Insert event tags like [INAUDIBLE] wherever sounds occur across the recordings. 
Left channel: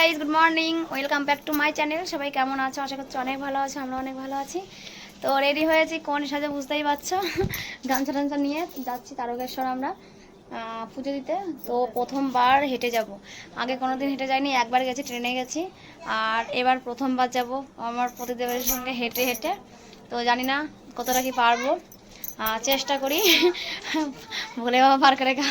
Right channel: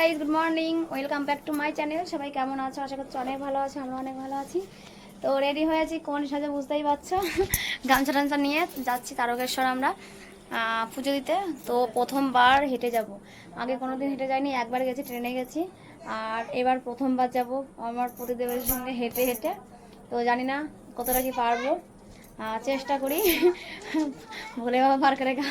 Guys good morning welcome back to my channel সবাই কেমন আছো? আশা করছি অনেক ভালো আছে আমরা অনেক ভালো আছি। তো রেডি হয়েছি কোন সাজে বুঝতেই পারছ? [LAUGHS] গামছা টামছা নিয়ে যাচ্ছি তারকেশ্বর আমরা পুজো দিতে। তো প্রথমবার হেঁটে যাব। আগে কোনো দিন হেঁটে যাইনি একবার গেছি ট্রেনে গেছি। আর এবার প্রথমবার যাব আমার প্রতিদেবের সঙ্গে হেঁটে হেঁটে। তো জানি না কতটা কি পারব। চেষ্টা করি। [LAUGHS] ভুলে বাবা পার করে গা।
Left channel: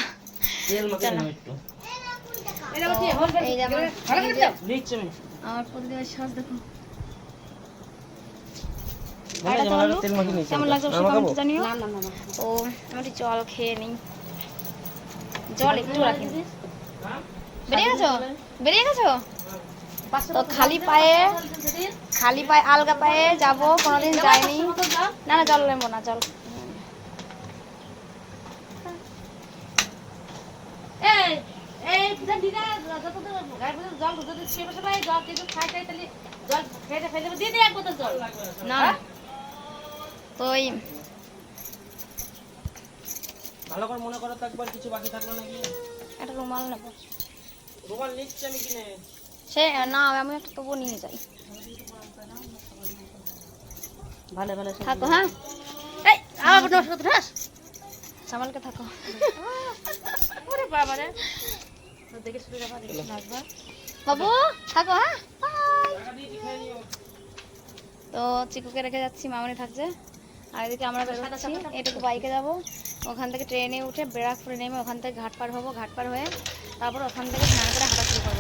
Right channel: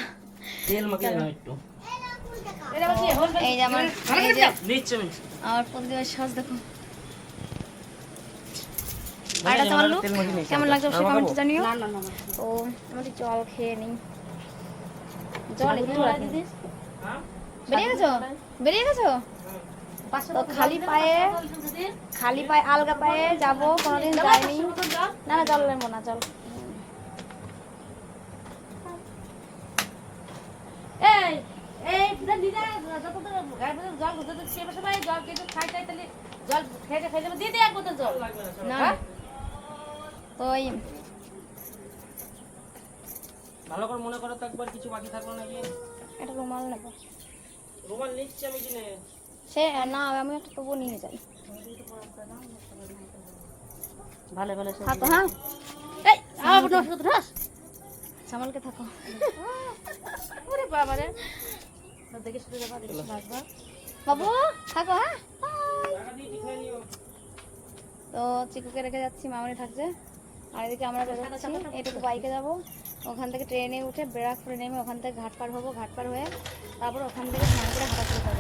কেমন লাগছে অবশ্যই কমেন্টে জানিও তো আমি জল খেয়ে নিই জল একটু রাখি বেরিয়ে গেছো বেরিয়ে গেছো তো খালি পায়ে খালি পায়ে আলগা পায়ে যাব কোনোদিন যাইনি না না জল নেব না জল না। তো ভালো করে মনে করো তো একবার কিছু বাকি থাকল নাকি? একটা রুমাল নেব। রুমাল নিচ্ছি আমি কিনে। সে না আমি একটা তবুও নিয়ে যাই। ভালো ভালো থাকো হ্যাঁ? এই আবার নষ্ট করতে সামালকে থাকো। ওরে বাবা রে দেখে শুনে যাবা দেখে বাবু থাকো হ্যাঁ Bye. তো চিকুকে রেখে যাচ্ছি, মামনি থাকছে। আর এদিকে আমরা বেরোচ্ছি, এটুকু বাইকে যাব। ওখান থেকে ট্রেনে উঠে ব্যারাকপুরে নেমে ওখান থেকে ঘাট পার হব, ঘাট পার হয়ে তারপর ওখান থেকে স্নান করে হাঁটা শুরু করব।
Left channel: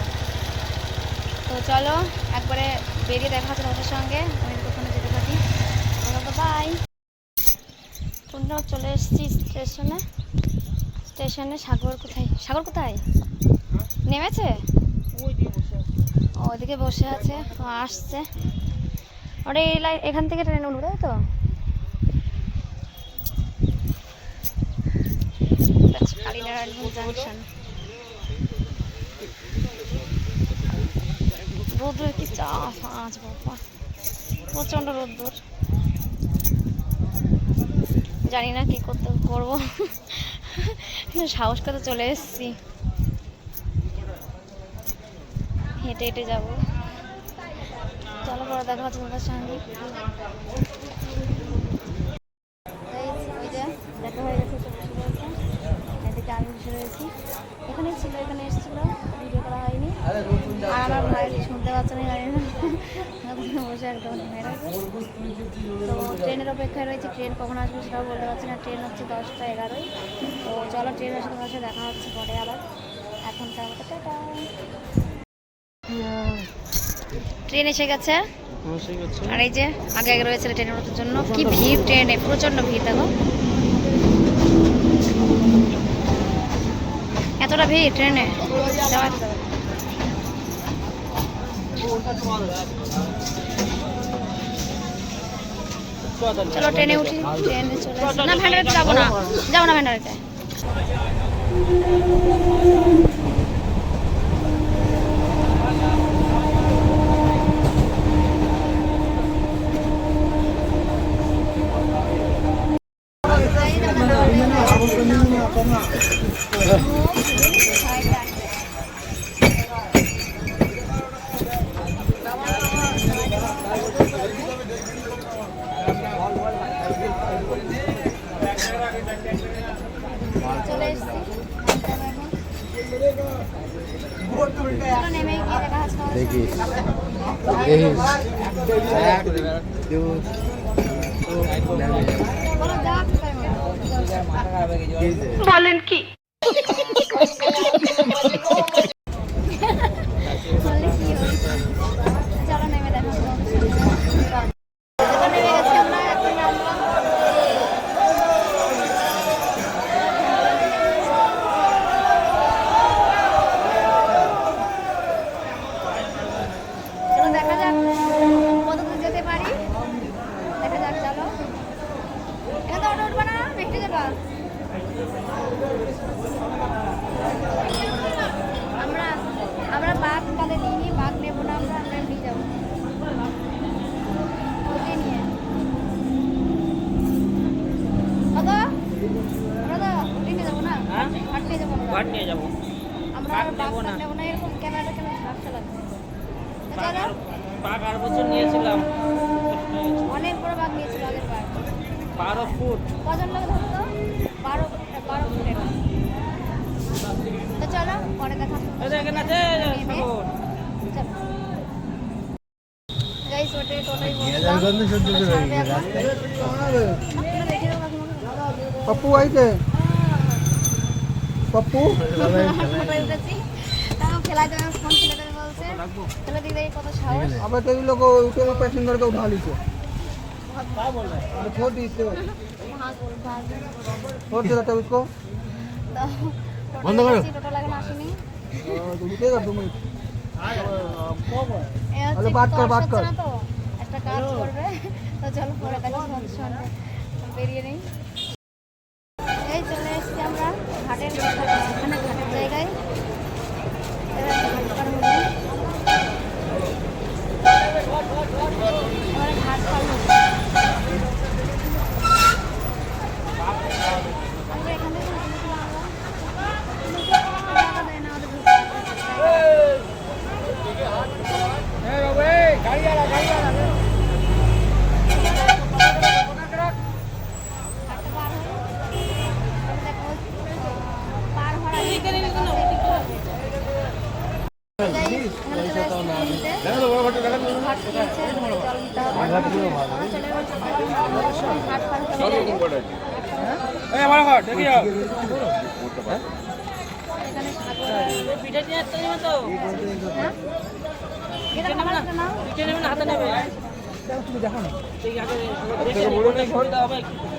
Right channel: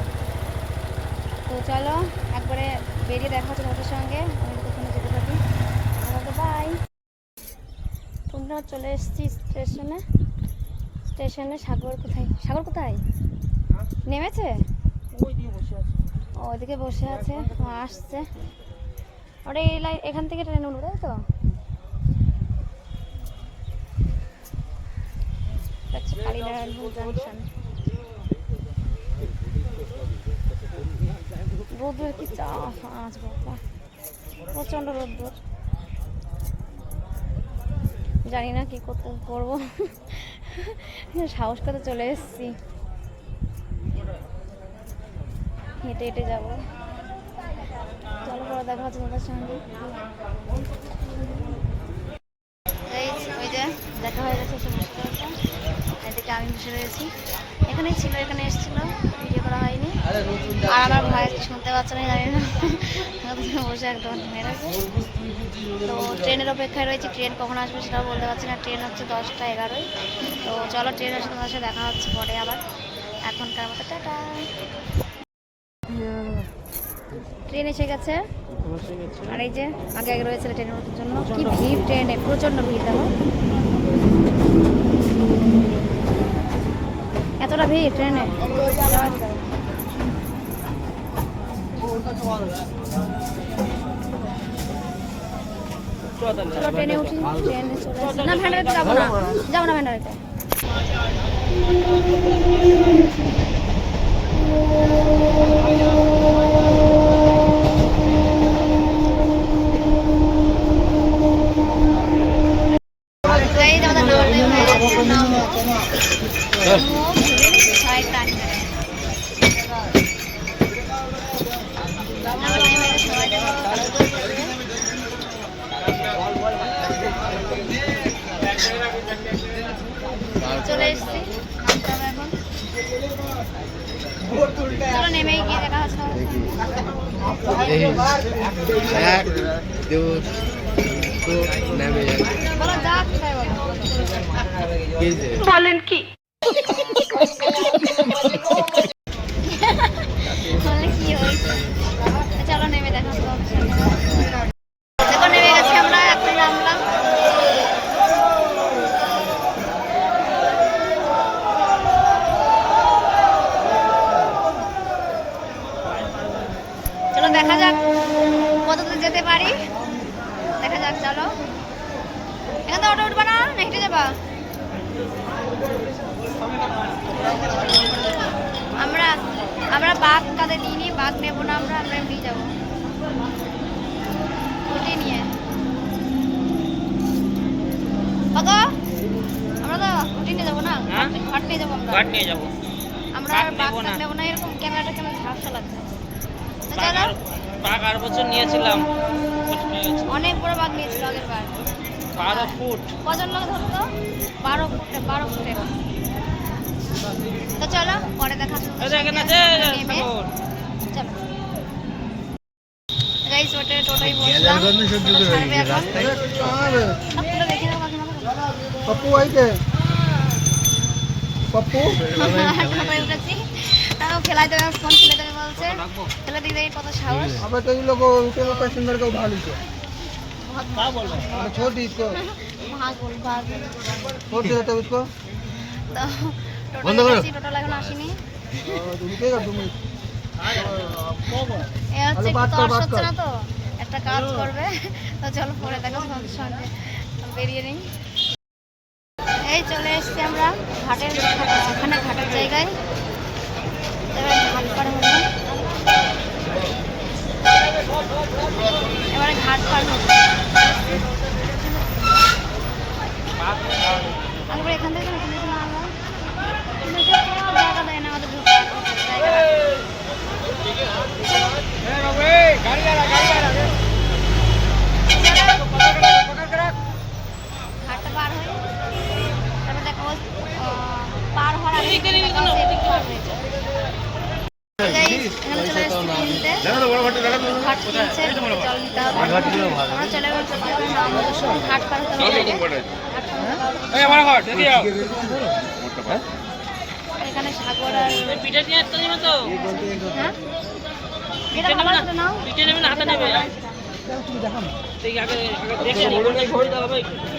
তো চলো, একবারে বেরিয়ে দেখা হচ্ছে তোমাদের সঙ্গে। আমি ওখানে যেতে পারি তো বাই তোমরা চলে এসেছি স্টেশনে। স্টেশনে সাগর কোথায়? সাগর কোথায়? নেমেছে? ওইদিকে বসে আছে। আসছে। ওটা এই লাইন এখান থেকে ট্রেন উঠবে তাই তো? জাংশন। রোদ্রের কি চাপ আজ বাবা, প্রচণ্ড রোদ্দুর। জানি না কি করতে করব। সাহস করে চলে এসেছি। হেঁটে হেঁটে যাব। চলো পরে দেখা হচ্ছে তোমাদের সঙ্গে। ওই যে, দেখা হয়ে গেছে এদিকে আমি বসে রয়েছি। এখানেই ছিল, এখানে এসেছিল। ভিডিও করা হয়নি। আর আমার ভাই শুনতে পাচ্ছে না, জানি না। বসে একদম মেরেছে তো ট্রেনের অপেক্ষায় রয়েছে। ট্রেন কখন আসবে সেটাও বলতে পারছি না। ট্রেন হচ্ছে দশটা এগারোই তো চলো, ট্রেন আসে তোমার সাথে দেখা হচ্ছে পরে আবার। এখনকার মতো, টাটা। ট্রেন এসে গেছে। আর এই যে আগে আগে রয়েছে ট্রেনের ওঠার জন্য। কি ভিড় ট্রেনে প্রচণ্ড ভিড় দেখো। এতটা ভিড় ট্রেনে। যাওয়া। চলো ট্রেনে উঠি ট্রেনে চলে না ভ্যান্ডারেতে যাব না। যাব না ভ্যান্ডারেতে Guys, আমাদের journey হয়ে গেছে। ছয় টানি ধরে। আমার time হয়ে গেছে, সময় দেবো। চলে এসেছি। দেখা এক দুই তো নেমে যাবে বলো যা কোথায় কি যে বললে কি হয়েছে চলো নেমে দেখা হচ্ছে তোমাদের সঙ্গে। দেখো নেমে গেছি আমরা এখন নামলাম চলো দেখা যাক কত দূর যেতে পারি দেখা যাক চলো এখান থেকে অটো উঠবা না না হেঁটে যাবা আমরা আমরা বাঘ কাঁধে বাঘ নেব না আমরা আমরা এমনি যাব। ওটাই নিয়ে। আমরা তো নিয়ে যাব না? হ্যাঁ? নিয়ে যাব আমরা। নিয়ে যাব। আমরা বাঘ আর নেব না। এরকম ক্যামেরাটা কেমন ঝাপসা লাগছে। চলো। আর বছর নিয়েছিলাম। হয়ে। অনেক বড় বাঘ নিয়েছিল আগের বার। বারো ফুট। কজন লোক ধরতো? বারো ফুটে বারো ফুটে তো চলো পরে দেখা যাবে গাইস ওটা টোটাই বললাম। আইতে পপ্পু খেলা দেবে ফোন কত সাহস। আবার উঠে প্যাসেঞ্জার কে উঠা লিছে কা বলো ছোট আসেনি। এ হচ্ছে তর্স না তো? একটা কাজ করবে। তো চলো পরে দেখো সঙ্গে। বেরিয়ে নেই এই চলে এসছি আমরা ঘাটের এখানে ঘাটের জায়গায় এবার ঘাট পার হব এবারে ঘাট পার হব একবার এখান থেকে এখান থেকে না আমরা। জায়গা দেয় না আমাদের ঢোকার জায়গা রাখে না। ঘাটটা পার হয়ে তারপর দেখা হচ্ছে আহ, পার হওয়ার আগে দেখা হচ্ছে এদিক পার হয়েছে। Guys, এখানে চলে এসেছি নিতে। ঘাট চলছে, জল নিতে হবে। আমরা চলে এসেছি এবার নাম দর্শন। ঘাট পার হতে হবে আগে। ঘাট পার হতে হবে। এখানে সাগর পিঠে নিয়ে আসতে যাবে তো? হ্যাঁ? আমার একটা নাও। পিঠে নেবে না হাতে নেবে? সেই আগে আগে দেখে নিই, কোনটা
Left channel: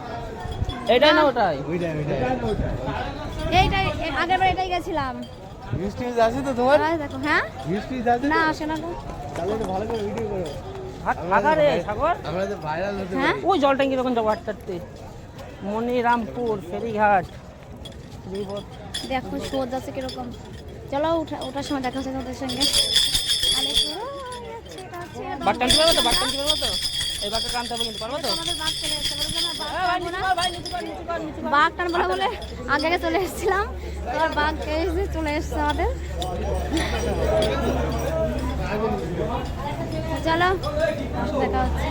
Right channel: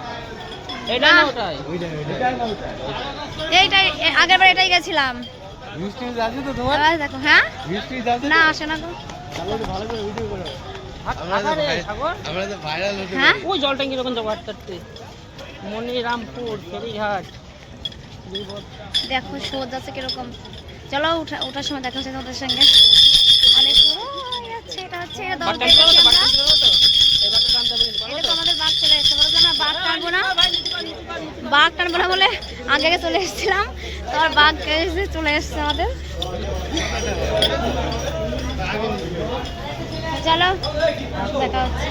এইটাই আগের বার এটাই গেছিলাম। দেখো হ্যাঁ? না আসে না তো। আধারে সাগর? আমরা তো ভাইরাল হ্যাঁ? ওই জল ট্যাঙ্কি যখন যাব আটটাতে মনিরামপুর ফেরিঘাট। দেখো সোদ যাচ্ছে কীরকম। চলো উঠা ওঠার সময় দেখা হচ্ছে তোমাদের সঙ্গে। অনেক এটা হচ্ছে বাঘ চলে এসেছে বলো আমরা বাঘ টানবো না? বাঘ টানবো না বলে আগে আগে চলে এসেছিলাম। তো আর বাঘ এসে চলে এসেছে আমাদের। চলো দেখা হচ্ছে।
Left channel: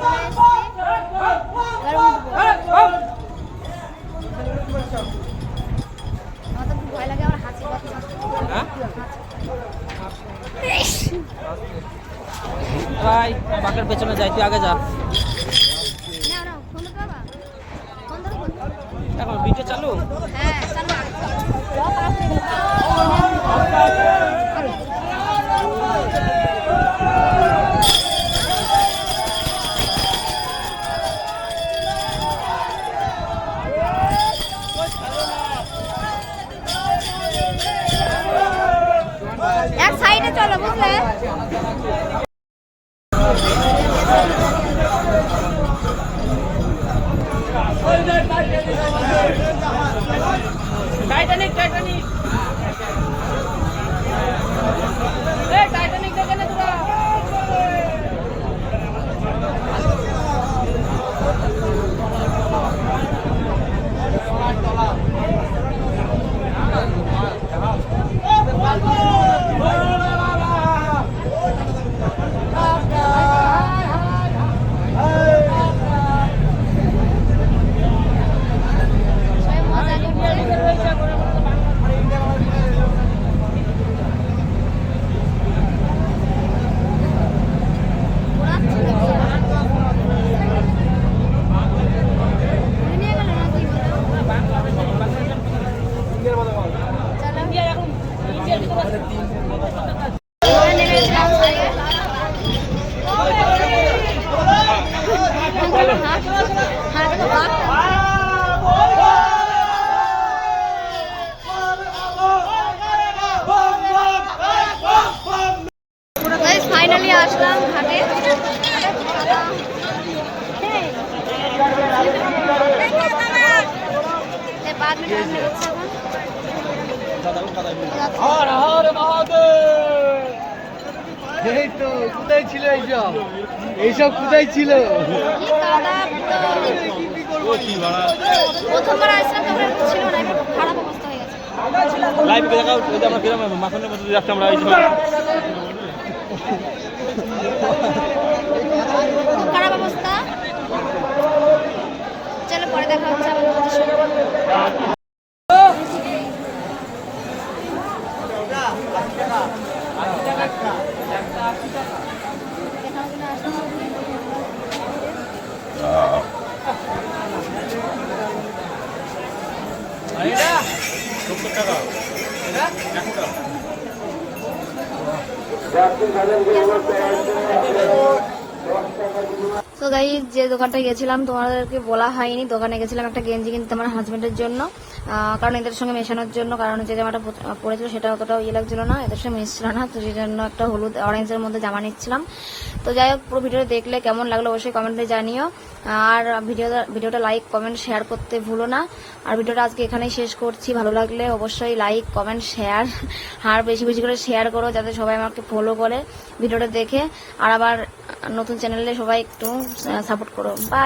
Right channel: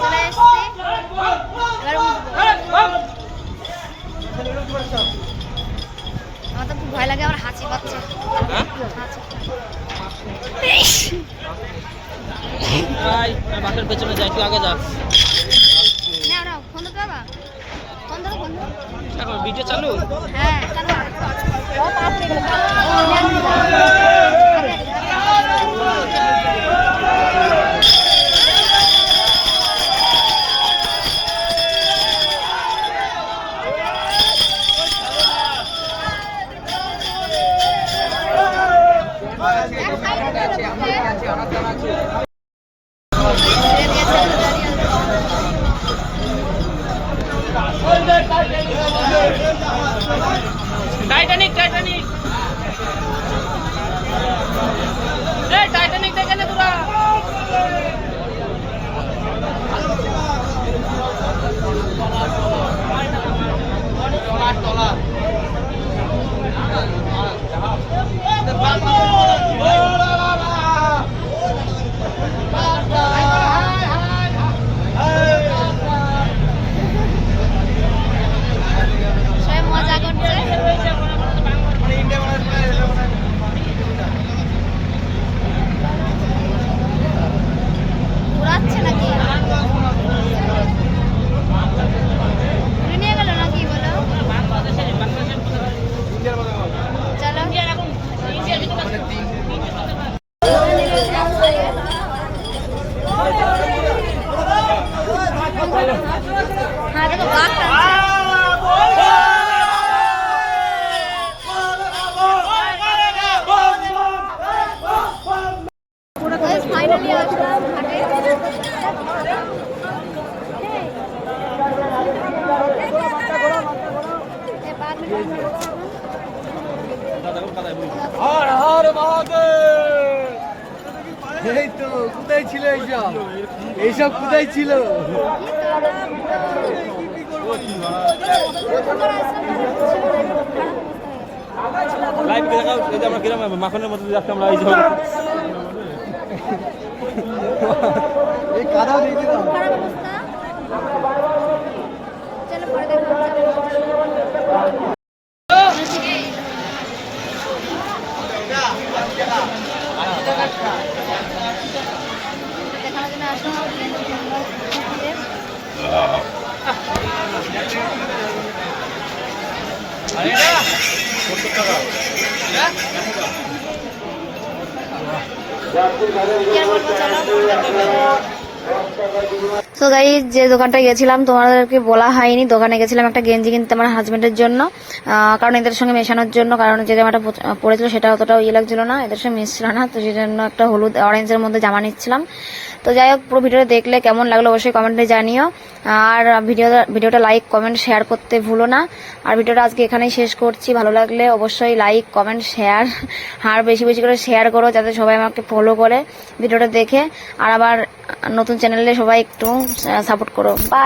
চলে এসেছি। এবার আমার তো খুব ভয় লাগে আমার হাঁচি পাচ্ছে হাঁচি। বাঘের পেছনে যাই তুই আগে যা। ধরো এখন ভিডিও চালু? হ্যাঁ এক সাইডে চলো টাইটানিক টাইটানিক এই টাইটানিক দেখে না তোরা সবাই মজা করছে আসলাম ঘাটে এই তো কোথায় ছিল এইসব? এইসব কোথায় ছিল? প্রথমবার আসলাম তখন ছিল না খারাপ অবস্থা হয়ে গেছে লাইভ দেখাও এই আমরা মাখনের মধ্যে এই খারাপ অবস্থা। চলো পরে দেখা হচ্ছে আবার আমাদের সঙ্গে। দেখানোর জন্য আসলাম। কি আর বলব চলো পরে দেখা হচ্ছে। তো গাই যে দোকানটা গেছিলাম, তোমাদেরকে বলা হয়নি। দোকানে গেছিলাম একটা গেঞ্জি কিনতে আমার হাজবেন্ডের জন্য। কারণ এদের সঙ্গে মেশানোর জন্য, কারণ যে জামাটা পরেছিল সেটা অতটা ইয়ে লাগছিল না, এদের সঙ্গে মিশছিল না, তো সেই জন্য একটা হলুদ অরেঞ্জের মধ্যে জামা নিচ্ছিলাম। তো যাই হোক, পুরো ভিডিওটা দেখলে কেমন লাগল অবশ্যই কমেন্টে জানিও। আর ভিডিও ভিডিওটা লাইক কমেন্ট শেয়ার করতে ভুলো না। আর ভিডিওটা আজকে এখানেই শেষ করছি। ভালো লাগলে অবশ্যই লাইক কমেন্ট শেয়ার আর বেশি বেশি করে শেয়ার করো যাতে সবাই আমাকে ফলো করে ভিডিওটা দেখে। আর আবার নতুন চ্যানেলে সবাই একটু সাপোর্ট করো। বাই